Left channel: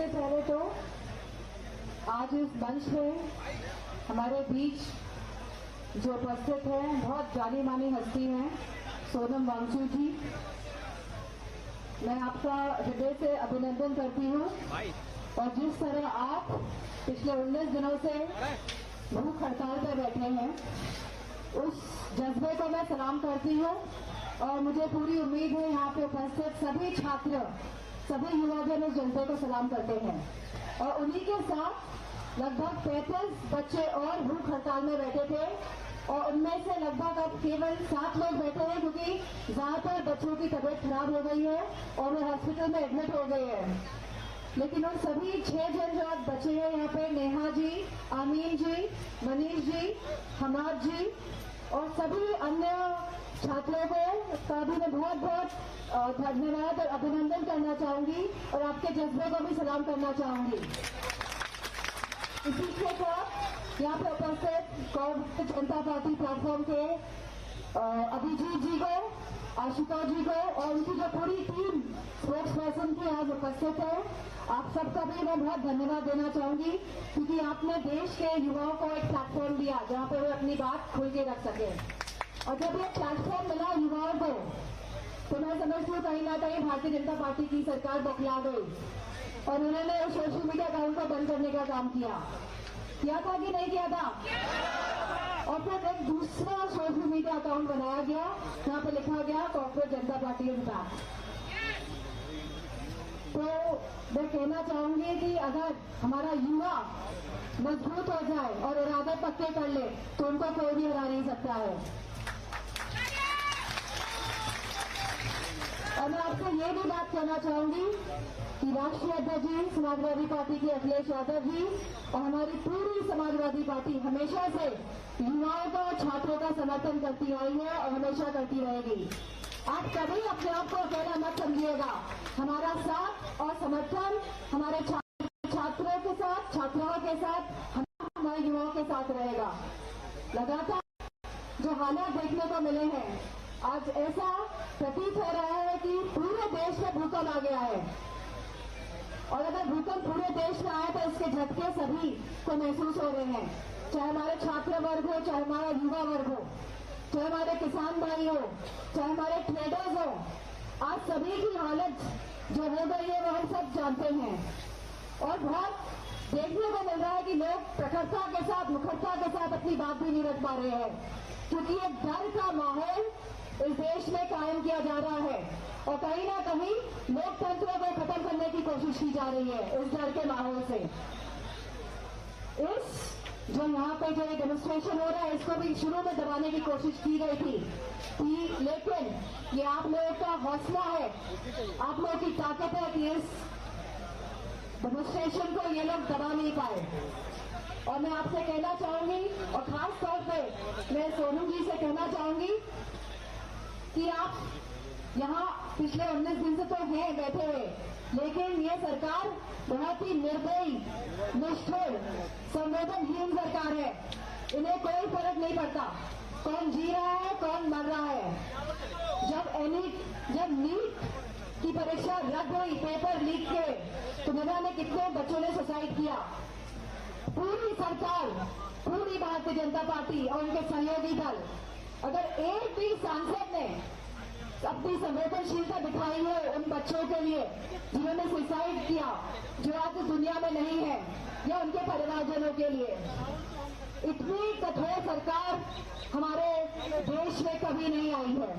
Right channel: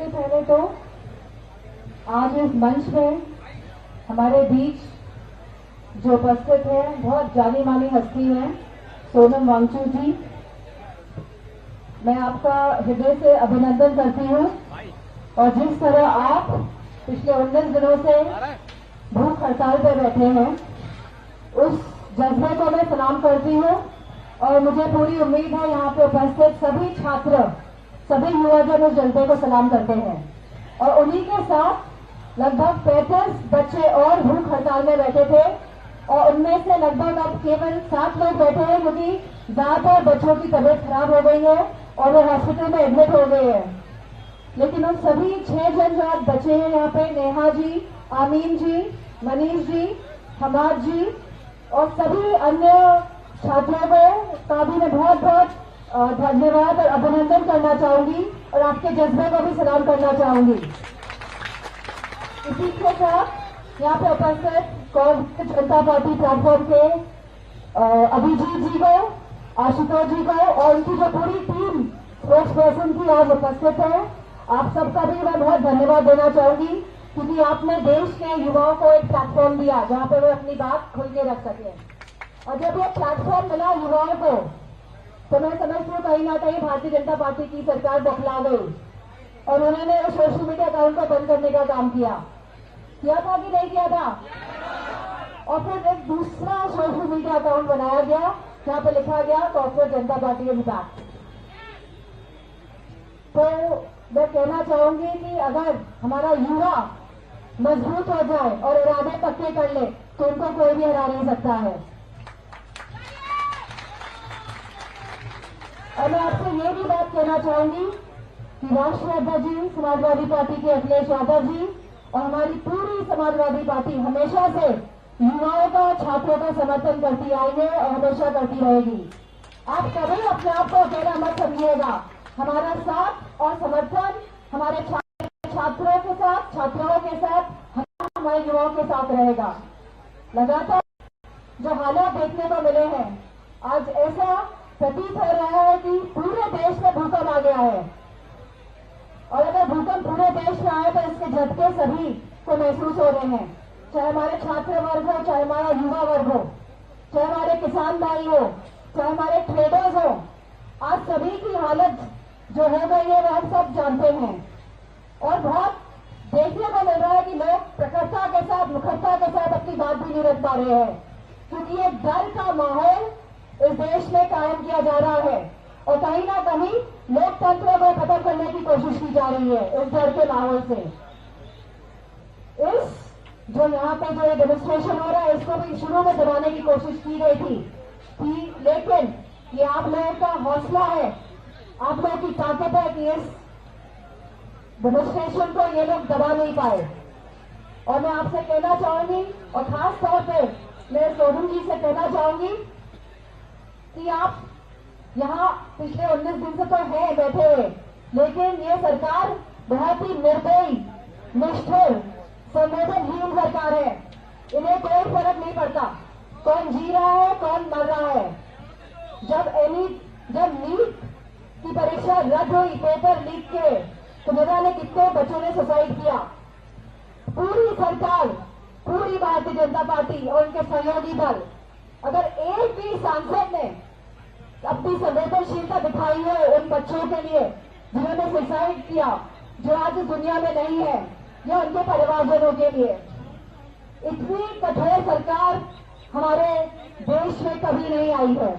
सबसे पहले तो आज इस मंच में हमारे बीच जो उपस्थित है बहुत जानी मानी हस्ती है सोनम वांगचुक जी, मैं आपका हृदय से अभिनंदन करती हूँ। और जिस तरह आप पिछले 19 दिनों से भूख हड़ताल पर बैठे हैं, उस जज्बे को मैं सलाम करती हूँ। और मुझे पूरी उम्मीद है यहाँ पे उपस्थित सभी छात्र, सभी युवाजन उस जज्बे को सलाम करते हैं। और उन्हीं के साथ लगभग 35 बच्चे और भूख हड़ताल में बैठे थे, और उनमें से लगभग अब केवल 7 लोग बैठे हैं, क्योंकि ज्यादातर बच्चों की तबीयत खराब हो गई है और वो हॉस्पिटल में एडमिट हो गए हैं। लेकिन उन सभी 6 जन जो आज बचे हैं यहाँ पे, नेहा जी, आमीन जी, मनीष जी, हमाद जी और सभी अन्य छात्रों का भी मैं बहुत बहुत धन्यवाद और अभिनंदन करना चाहूंगी और आपके जज्बे को भी सलाम करना चाहूंगी। इसी के साथ यहाँ पे उपस्थित कांग्रेस जनता पार्टी प्लेटफॉर्म के अभिजीत जी को, आशुतोष जी को और उनकी जो पूरी टीम स्पोर्ट्स पर्सन की आज उपस्थित है, आप सबका भी मैं बहुत धन्यवाद देना चाहूंगी, क्योंकि आपने देश के युवाओं को एक प्लेटफॉर्म दिया जहाँ पे वो अपनी बात खुल के रख सके। और जब ये प्लेटफॉर्म मिला युवाओं को, तो मैं समझती हूँ कहीं ना कहीं भारतीय जनता पार्टी की सरकार बखला गई और उन्होंने सोशल मीडिया अकाउंट को बंद करने का काम किया था कि नहीं किया था? और फिर एक दूसरा सोशल मीडिया अकाउंट बनाया गया जहाँ पे लिखा गया कांग्रेस जनता पार्टी इज बैक। तो मैं कहना चाहूंगी कि अगर हमारा युवा मजबूत हो जाए और इरादे पक्के कर ले तो उनको कोई भी हरा नहीं सकता है। और मैं आपसे ये भी बात कहना चाहूंगी कि राष्ट्रीय अध्यक्ष जी, समाजवादी पार्टी के अखिलेश यादव जी और हमारी पूरी समाजवादी पार्टी हमेशा से युवाओं का, छात्रों का समर्थन करती आई है और हमेशा करती रहेगी। आप कभी अपने आप को अकेला मत समझिएगा। हमारा साथ और समर्थन हमारे छात्रों के साथ, छात्राओं के साथ, हमारे युवाओं के साथ रहेगा। लगातार जो हालात देखने को मिले हैं, आज ऐसा प्रतीत हो रहा है कि पूरे देश में भूकंप आ गया है। और अगर भूकंप पूरे देश में आए तो इसके झटके सभी को महसूस हो रहे हैं, चाहे हमारे छात्र वर्ग हो, चाहे हमारा युवा वर्ग हो, चाहे हमारे किसान भाई हो, चाहे हमारे ट्रेडर्स हो। आज सभी की हालत जो हो गई है वो हम सब जानते हैं। और बहुत देखने को मिल रहा है कि लोग प्रखरता के साथ, मुखरता के साथ अपनी बात भी नहीं रख पा रहे हैं, क्योंकि ये डर का माहौल इस देश में कायम किया जा रहा है और कहीं ना कहीं लोकतंत्र को खत्म करने की कोशिश की जा रही है इस डर के माहौल से। इस जो यहाँ पे जो डेमोन्स्ट्रेशन हो रहा है, इसको भी शुरू में दबाने की कोशिश की गई थी, लेकिन ये आप लोगों का हौसला है, आप लोगों की ताकत है कि इस डेमोन्स्ट्रेशन को ये लोग दबा नहीं पाए। और मैं आपसे कहना चाहूंगी और खास तौर पे मैं सोनम जी से कहना चाहूंगी कि आप यहाँ पिछले 19 दिन से तो हैं बैठे हुए, लेकिन ये सरकार बहुत ही निर्दयी, निष्ठुर, संवेदनहीन सरकार है। इन्हें कोई फर्क नहीं पड़ता कौन जी रहा है, कौन मर रहा है। जब नीट की परीक्षा रद्द हुई, पेपर लीक किए, तो न जाने कितने बच्चों ने सुसाइड किया। पूरी सरकार, पूरी भारतीय जनता पार्टी और उनके सहयोगी दल, अगर एक भी सांसद ने अपनी संवेदनशीलता दिखाई है उन बच्चों के लिए जिन्होंने सुसाइड किया, जो आज दुनिया में नहीं है, या उनके परिवारजनों के लिए, इतनी कठोर सरकार हमारे देश में कभी नहीं आई है।